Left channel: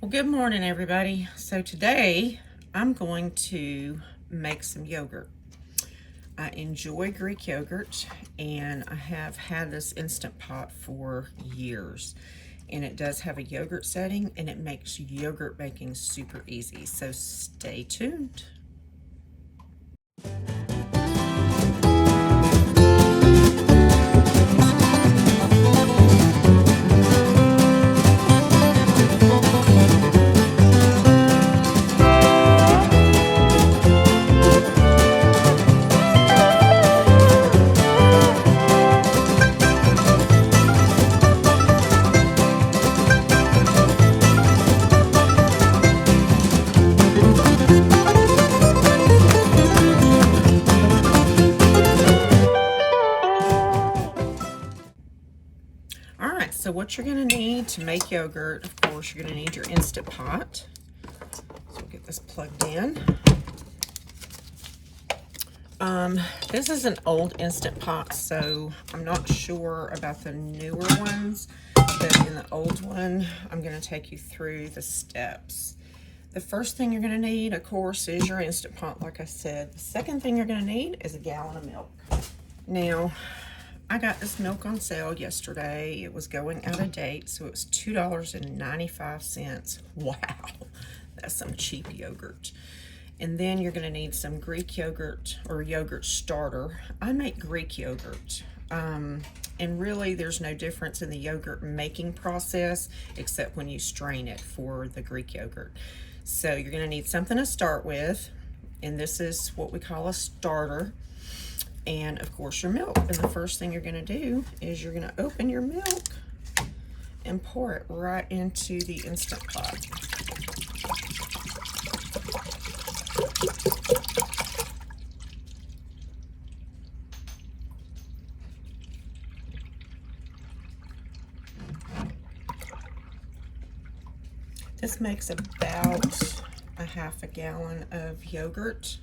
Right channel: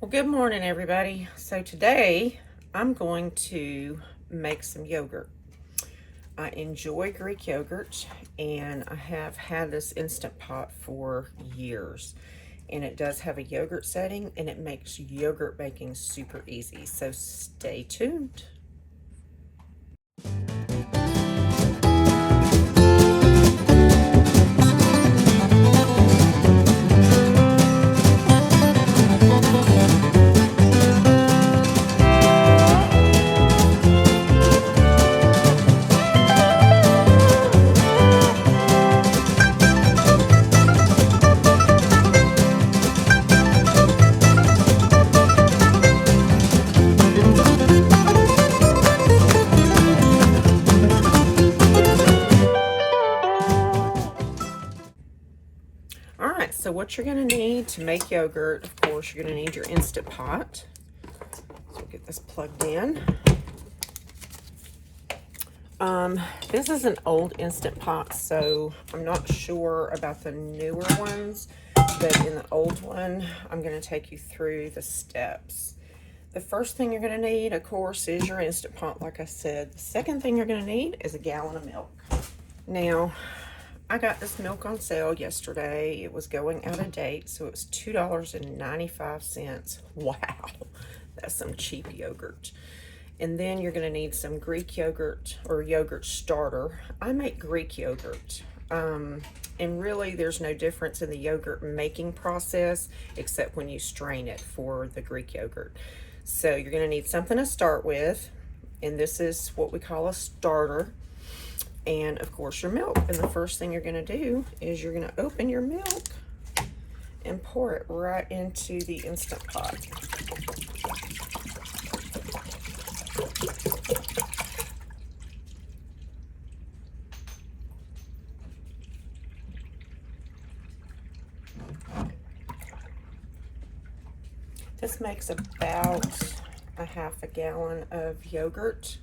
Well, good morning, everybody. So today I'm going to make some yogurt. I enjoy Greek yogurt, and I have had this Instant Pot for years. And it does have a yogurt setting, and it makes yogurt making super easy. So stay tuned. Alright, so what you're going to need to make yogurt, of course, you're going to need your Instant Pot. So we'll get this plugged in. This is an old Instant Pot, so I'm not sure about the newer ones, but in the old one, I'm going to take you through the steps. The first thing you're going to need, of course, is your Instant Pot, like I said. The second thing you're going to need is a gallon of milk. Now, I got this milk on sale yesterday. It was going out of date, so it was $2.95. Wow, that's some cheap yogurt. And then you're going to need some Greek yogurt or yogurt starter. I make Greek yogurt. And really there's no difference in the yogurt making process except when you strain it for the Greek yogurt. So you're going to need something to start with. And this is what we call a starter. And of course your milk. And the first thing you're going to do is you're going to open your milk and pour it right into the Instant Pot. This makes about a half a gallon of yogurt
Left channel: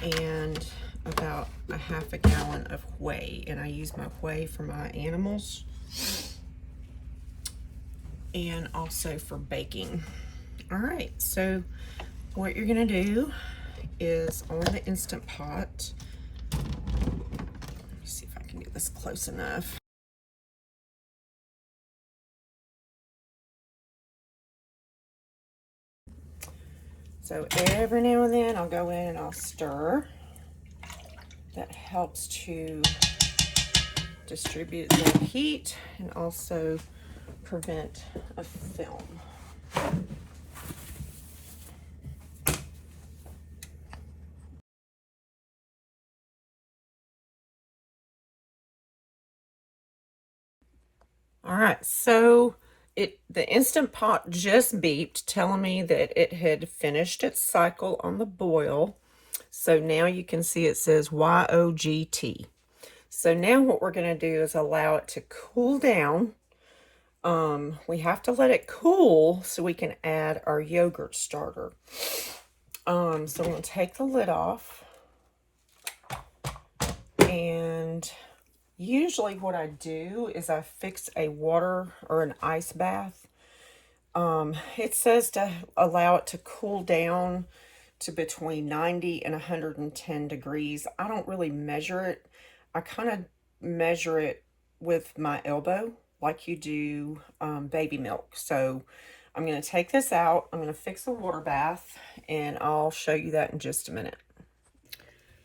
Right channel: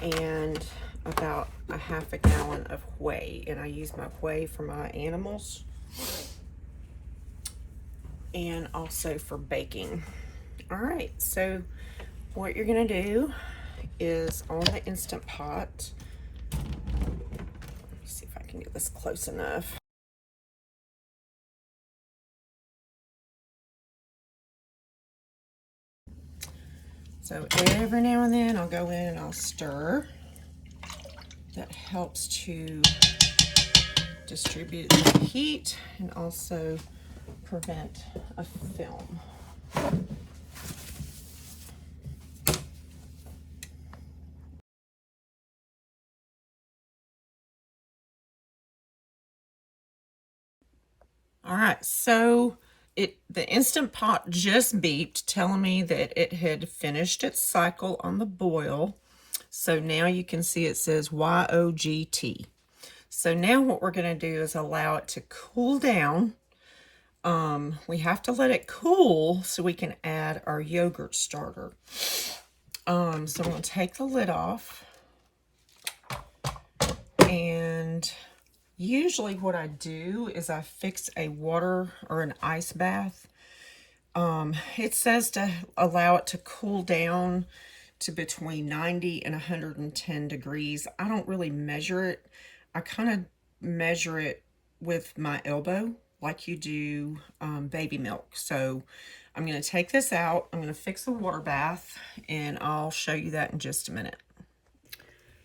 and about a half a gallon of whey. And I use my whey for my animals and also for baking. All right, so what you're gonna do is on the Instant Pot, let me see if I can get this close enough. So every now and then I'll go in and I'll stir. That helps to distribute the heat and also prevent a film. All right, so the Instant Pot just beeped telling me that it had finished its cycle on the boil. So now you can see it says YOGT. So now what we're going to do is allow it to cool down. We have to let it cool so we can add our yogurt starter. So I'm going to take the lid off. And usually what I do is I fix a water or an ice bath. It says to allow it to cool down to between 90 and 110 degrees. I don't really measure it. I kind of measure it with my elbow like you do baby milk. So I'm going to take this out. I'm going to fix a water bath and I'll show you that in just a minute.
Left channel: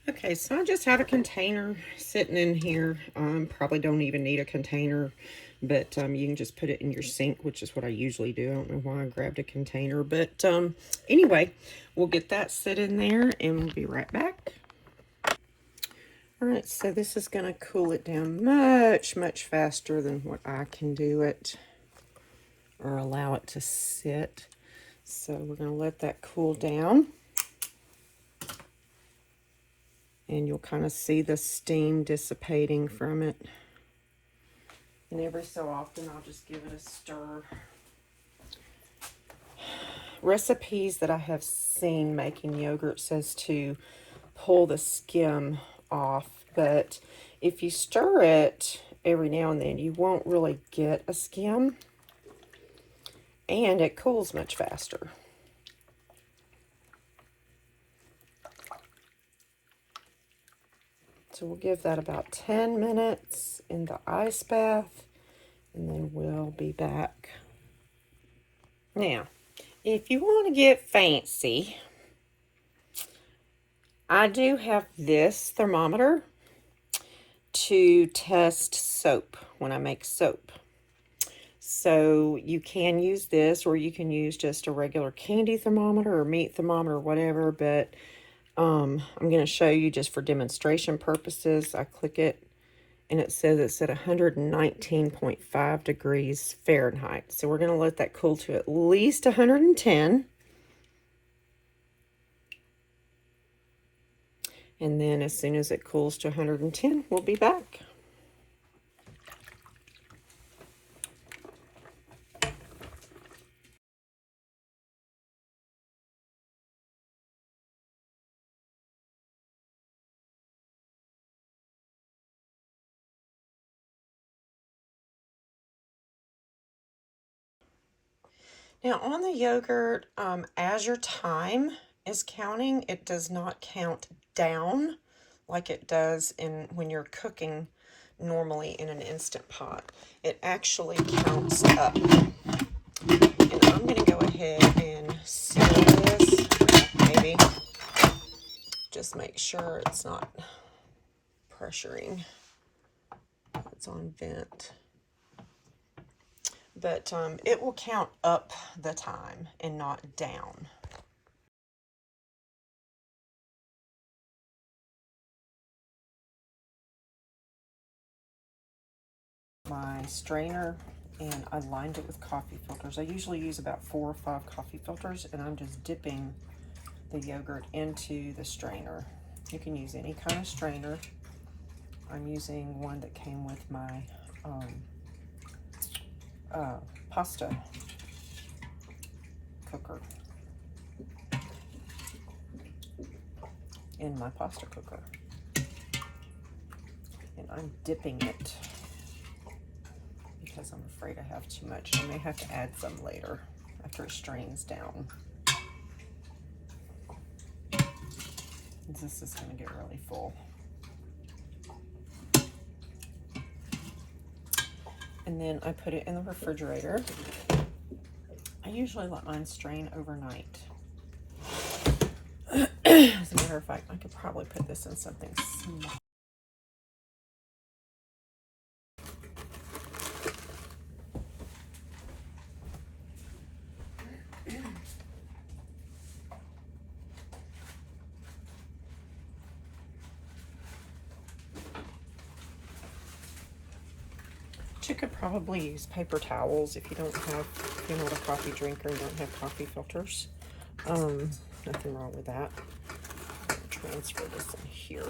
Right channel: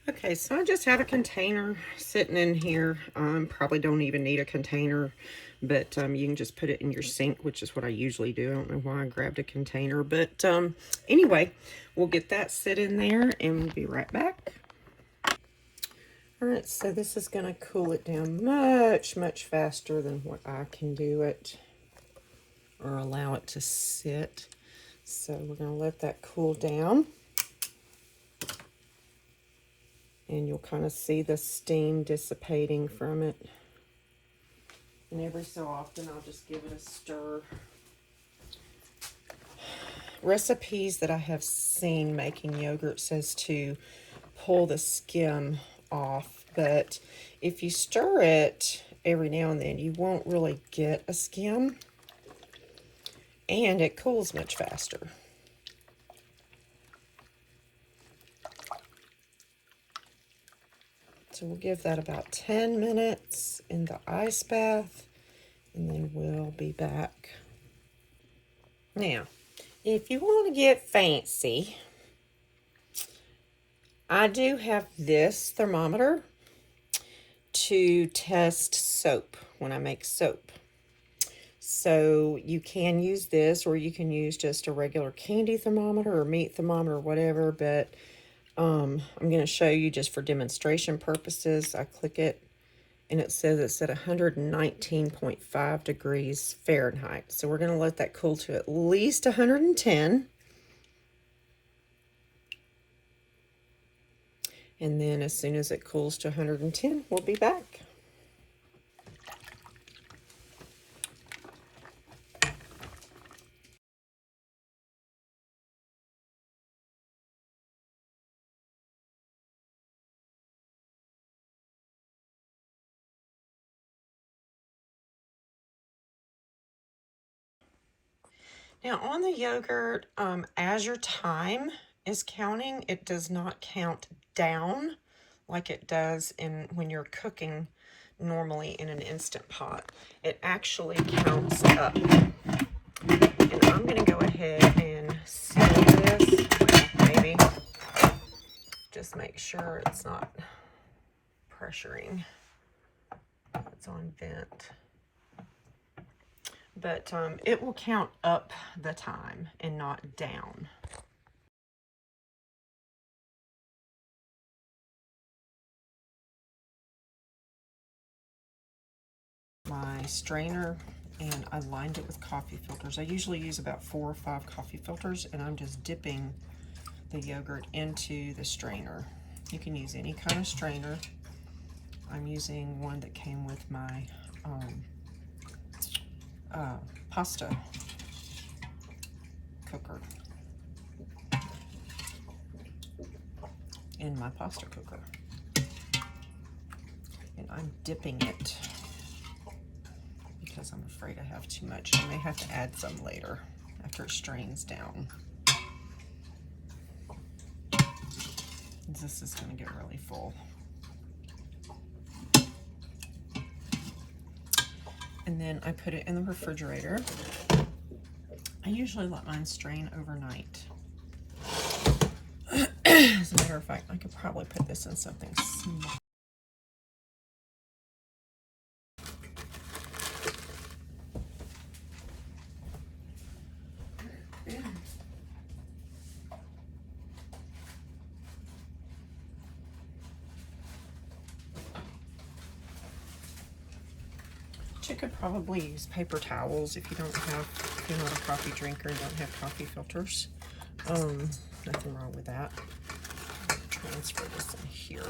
Okay, so I just have a container sitting in here. Probably don't even need a container, but you can just put it in your sink, which is what I usually do. I don't know why I grabbed a container, but anyway, we'll get that sit in there and we'll be right back. All right, so this is going to cool it down much, much faster than what I can do it or allow it to sit. So we're going to let that cool down. And you'll kind of see the steam dissipating from it. And every so often, I'll just give it a stir. Recipes that I have seen making yogurt says to pull the skim off, but if you stir it every now and then, you won't really get a skim. and it cools much faster. So we'll give that about 10 minutes in the ice bath, and then we'll be back. Now, if you want to get fancy, I do have this thermometer to test soap when I make soap. So you can use this, or you can use just a regular candy thermometer or meat thermometer or whatever, but I'm going to show you just for demonstration purposes. I click it and it says it's at 119.5 degrees Fahrenheit. So we're going to let that cool to at least 110. And then as soon as it cools to 110, we'll be back. Now on the yogurt, as your time is counting, it does not count down like it does when you're cooking normally in an Instant Pot. It actually counts up. And I'm going to go ahead and seal this, maybe just make sure it's not pressuring. It's on vent. But it will count up the time and not down. My strainer, and I lined it with coffee filters. I usually use about 4 or 5 coffee filters, and I'm just dipping the yogurt into the strainer. You can use any kind of strainer. I'm using one that came with my pasta cooker in my pasta cooker, and I'm dipping it because I'm afraid I have too much. I may have to add some later after it strains down. This is going to get really full. And then I put it in the refrigerator. I usually let mine strain overnight. As a matter of fact, I could probably put this in something small. You could probably use paper towels if you don't have, if you're not a coffee drinker and don't have coffee filters. Nothing wrong with that. Transfer this in here.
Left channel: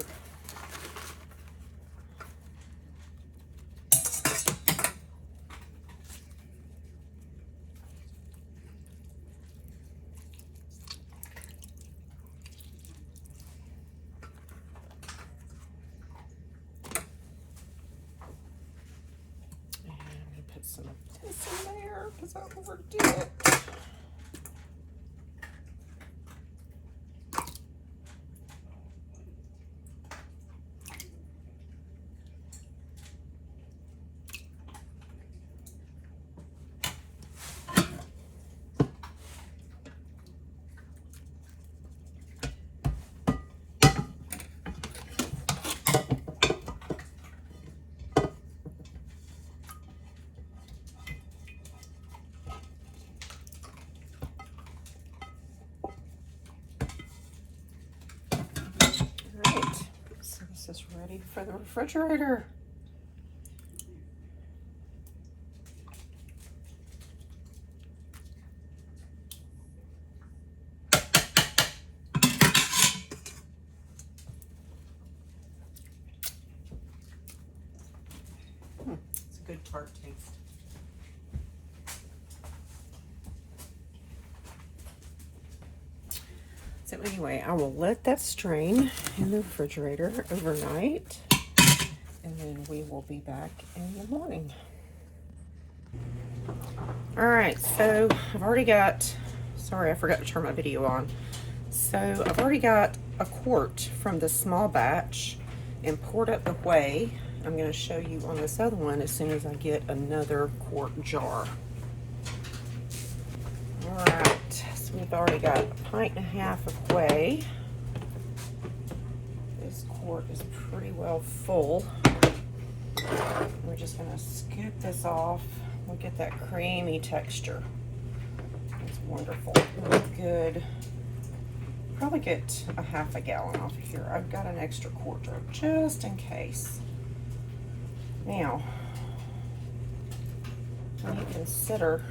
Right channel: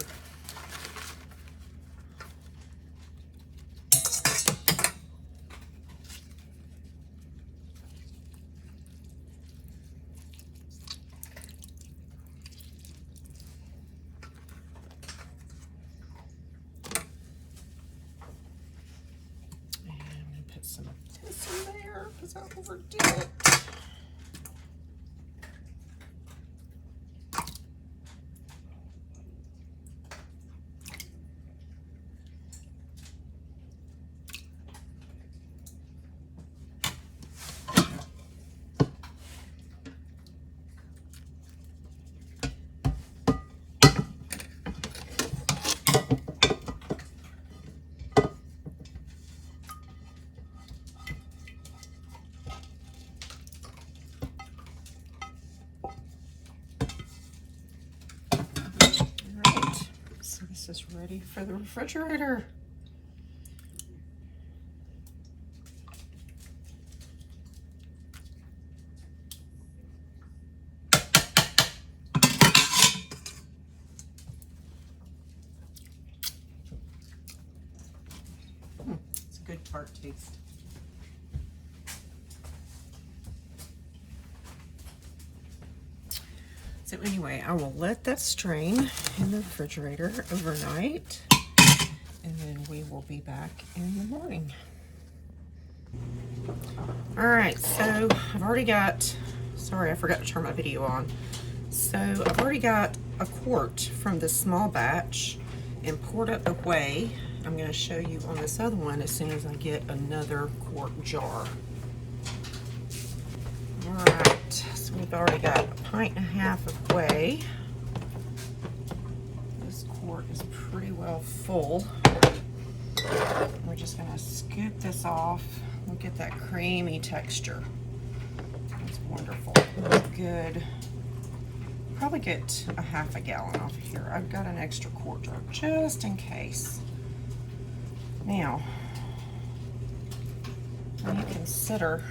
Some of this in there because I overdid it. Is ready for the refrigerator. It's a good tart taste. So anyway, I will let that strain in the refrigerator overnight, and then we will be back in the morning. All right, so I've already got, sorry, I forgot to turn my video on. So I've already got a quart from this small batch and poured up the whey. I'm going to show you on this other one as soon as I get another quart jar. All right, so we've already got 1.5 pints of whey. This quart is pretty well full. We're just going to scoop this off. Look at that creamy texture. It's wonderful. Good. Probably get 1/2 gallon off of here. I've got an extra quart jar just in case. Now, when you consider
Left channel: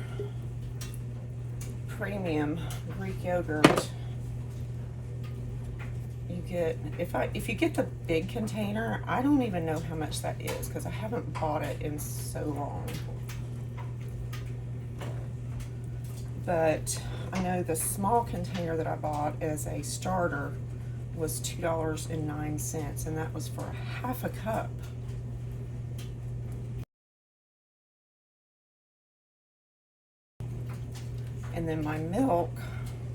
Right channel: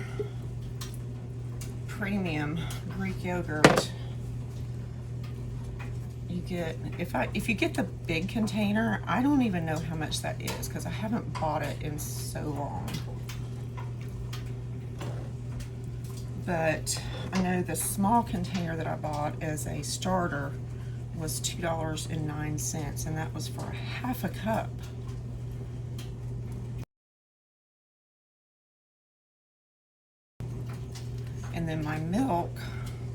premium Greek yogurt, you get, if you get the big container, I don't even know how much that is because I haven't bought it in so long. But I know the small container that I bought as a starter was $2.09, and that was for 1/2 cup. And then my milk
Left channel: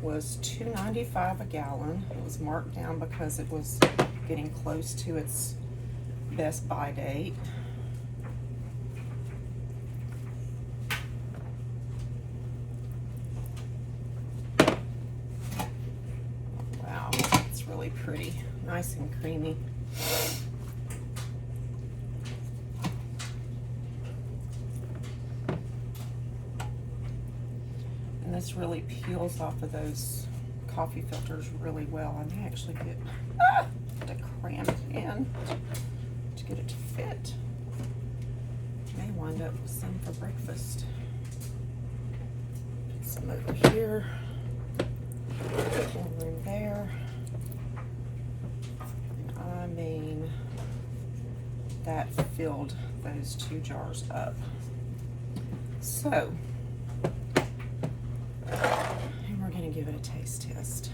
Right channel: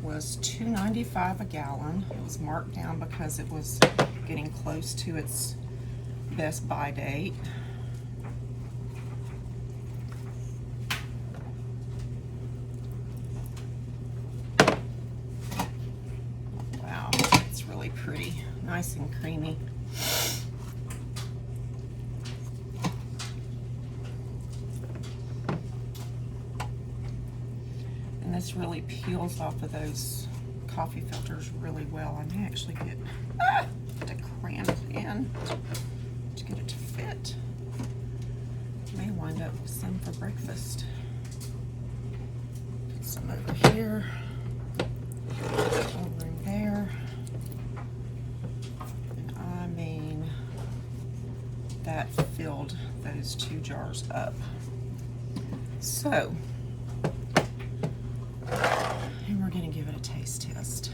was $2.95 a gallon. It was marked down because it was getting close to its best buy date. Wow, it's really pretty, nice and creamy. And this really peels off of those coffee filters really well. I may actually get to cram it in to get it to fit. May wind up with some for breakfast. Get some over here, over in there. And I mean, that filled those 2 jars up. So, and we're gonna give it a taste test.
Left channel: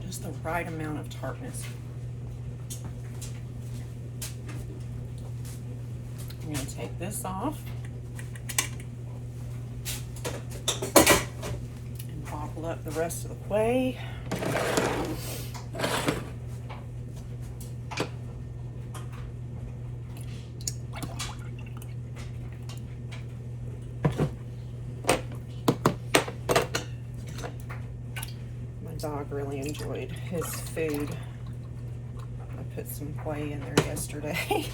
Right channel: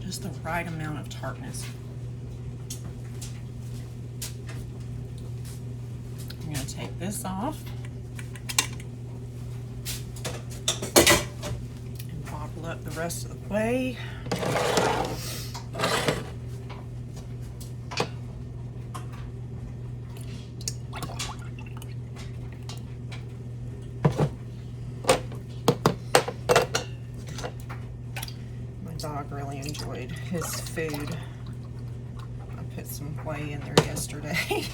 Just the right amount of tartness. I'm gonna take this off and bottle up the rest of the whey. Dog really enjoyed his food. I put some whey in there yesterday.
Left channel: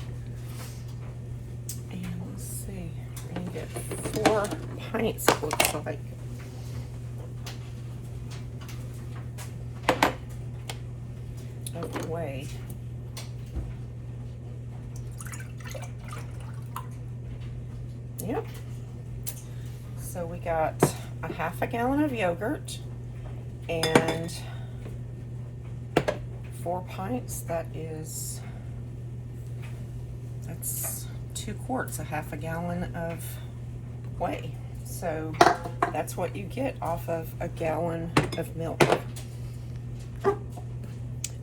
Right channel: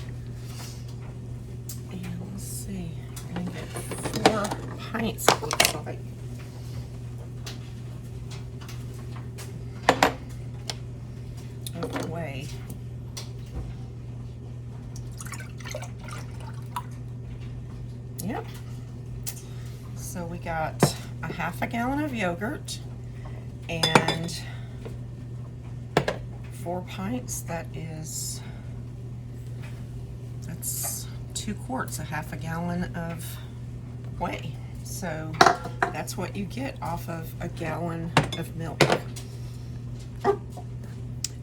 And let's see, we're gonna get 4 pints, it looks like. Of whey. Yep. So we got 1/2 gallon of yogurt and 4 pints. That's 2 quarts, 1/2 gallon of whey. So that's what you get off of a gallon of milk.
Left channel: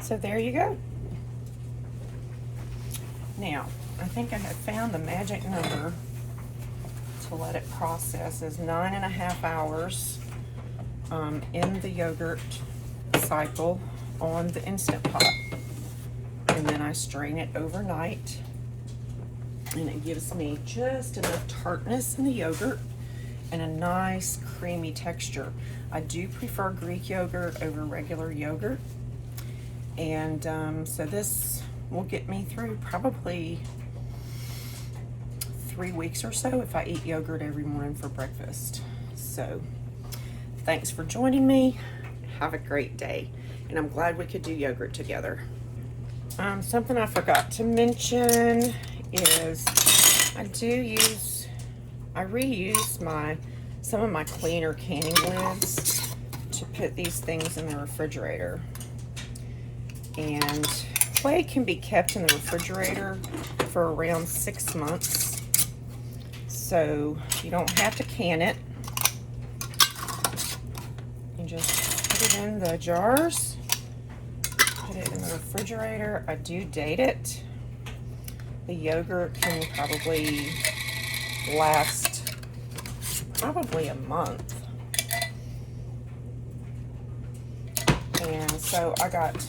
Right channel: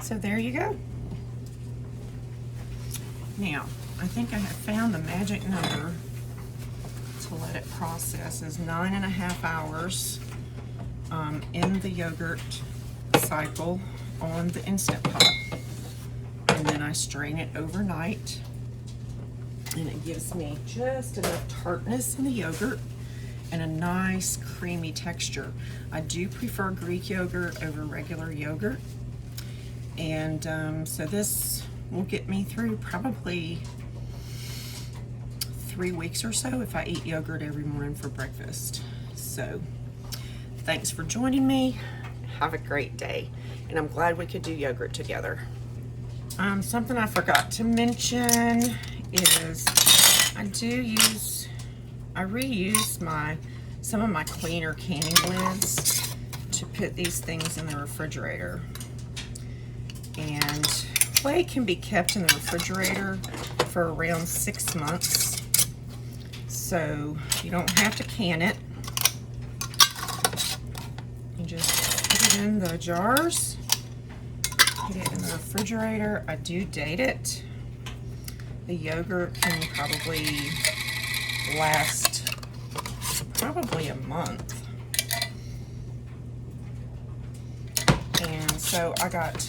So there you go. Now, I think I have found the magic number to let it process is 9.5 hours in the yogurt cycle on the Instant Pot, and then I strain it overnight, and it gives me just enough tartness in the yogurt and a nice creamy texture. I do prefer Greek yogurt over regular yogurt, and so this will get me through probably 3 weeks or so if I eat yogurt every morning for breakfast. So thanks for joining me. Have a great day. And I'm glad we could do yogurt together. Something I forgot to mention is I reuse some of my cleaner canning lids to put these things in the refrigerator. And whey can be kept in the refrigerator for around 6 months. So you don't have to can it. You just in the jars, put it in the refrigerator. I do date it. The yogurt can probably last probably a month. And so I got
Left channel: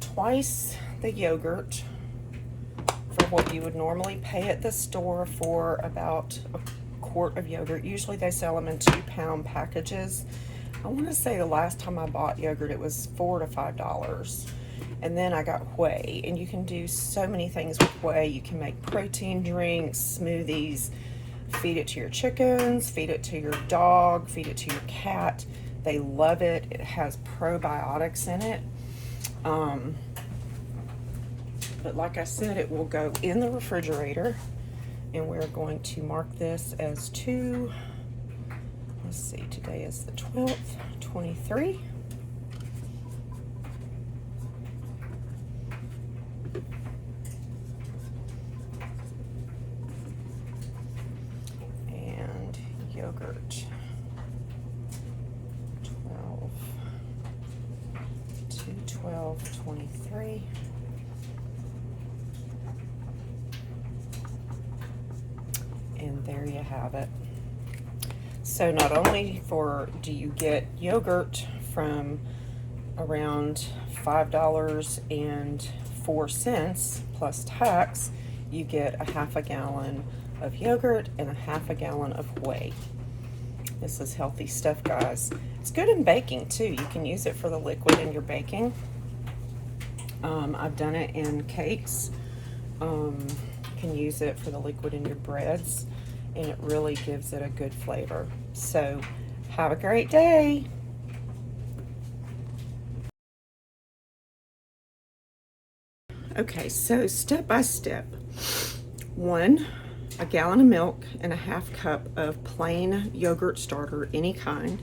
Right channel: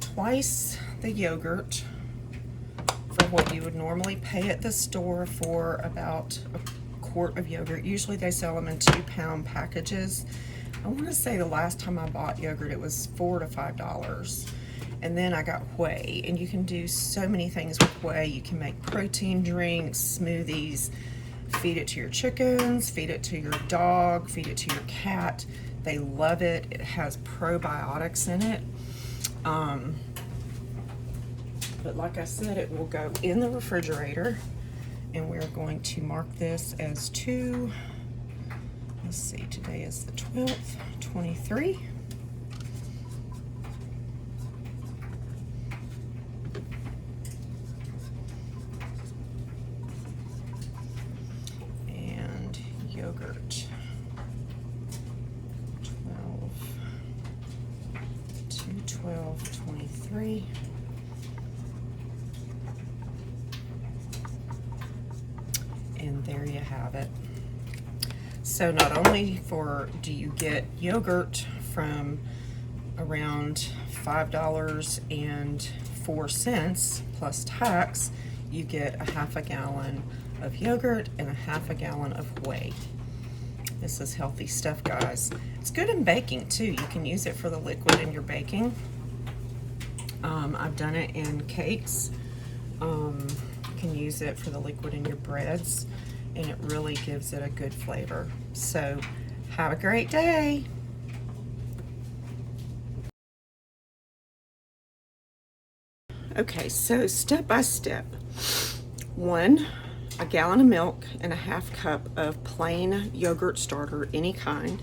twice the yogurt for what you would normally pay at the store for about a quart of yogurt. Usually they sell them in 2-pound packages. I want to say the last time I bought yogurt it was $4 to $5. And then I got whey, and you can do so many things with whey. You can make protein drinks, smoothies, feed it to your chickens, feed it to your dog, feed it to your cat. They love it. It has probiotics in it. But like I said, it will go in the refrigerator, and we're going to mark this as 2, let's see, today is the 12th, 23. And yogurt, 12/23. And there you have it. So not only do you get yogurt from around $5.04 plus tax, you get a half a gallon of yogurt and a half a gallon of whey. This is healthy stuff, guys. It's good in baking too. You can use it for the liquid in your baking. I've done it in cakes. You can use it for the liquid in your breads, and it really gives it a good flavor. So have a great day. Okay, so step by step. 1, a gallon of milk and a half cup of plain yogurt starter, any kind.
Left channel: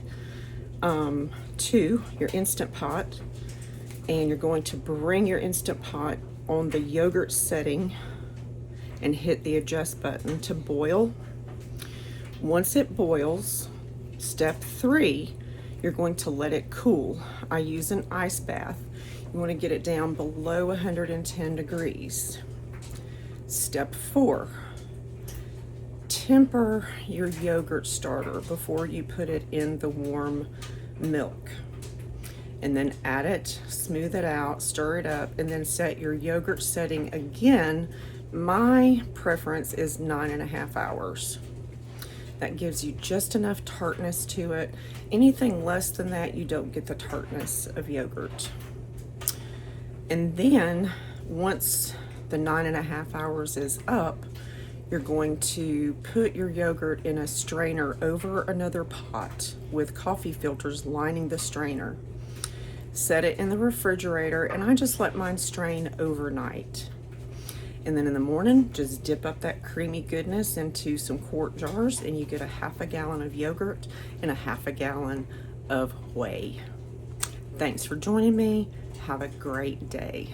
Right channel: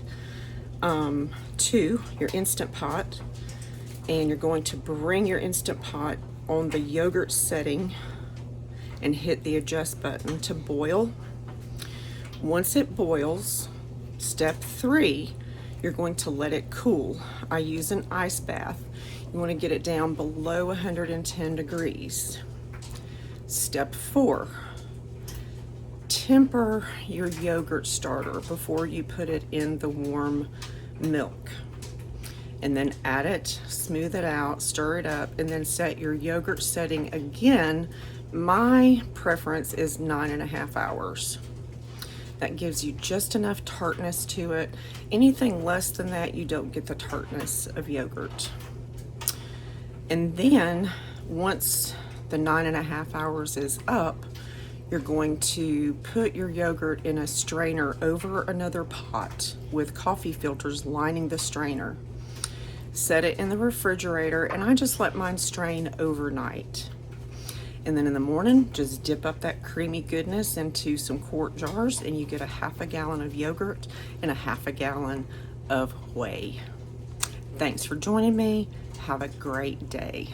2, your Instant Pot, and you're going to bring your Instant Pot on the yogurt setting and hit the adjust button to boil. Once it boils, step 3, you're going to let it cool. I use an ice bath. You want to get it down below 110 degrees. Step 4, temper your yogurt starter before you put it in the warm milk. And then add it, smooth it out, stir it up, and then set your yogurt setting again. My preference is 9.5 hours. That gives you just enough tartness to it. Anything less than that, you don't get the tartness of yogurt. And then once the 9.5 hours is up, you're going to put your yogurt in a strainer over another pot with coffee filters lining the strainer. Set it in the refrigerator, and I just let mine strain overnight. And then in the morning, just dip up that creamy goodness into some quart jars, and you get a half a gallon of yogurt and a half a gallon of whey. Thanks for joining me. Have a great day.